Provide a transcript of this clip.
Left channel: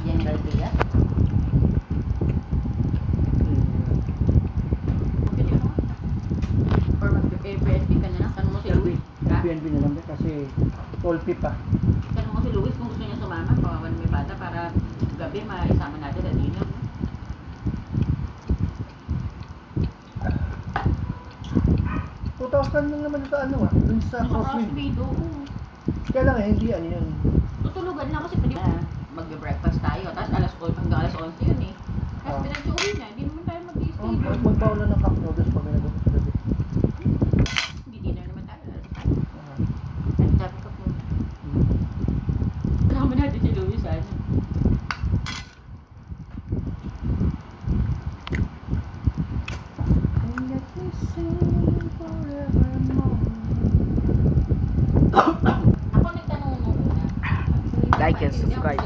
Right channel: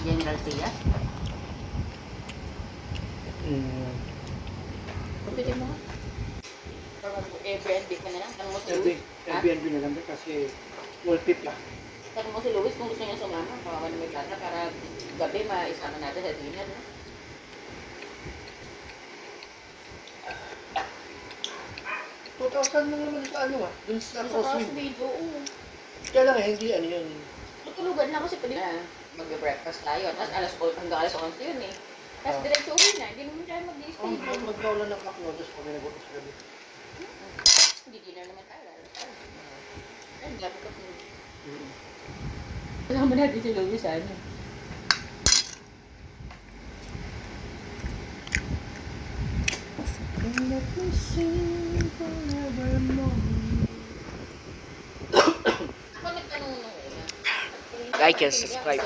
General Tia. Pili mo. Or mag-Airbnb ka na lang. Tanong mo si Luis. Airbnb na lang kasi all tip pa. Tanong mo si Luis kung gusto niya sumama. Kawawa na may bata para gabi maisama natin sa dinner. No? $2,000 lang naman sa ano dun sa Sa Crossway doon. Kaya lang hindi ano yun. Tutulugan lang kasi pwede na mag-breakfast tayo. Tapos hanggang alas 11 yun eh. Tapos diretso uwi na. Hindi naman tayo mag-i-stay doon. Magpaulan ng cup noodles pag may nagutos sa gabi. Hindi dinner naman tayo. Ay, gabi ka po. Alam mo natin si Luis ano. Ako nagtanong nung una. Like and subscribe.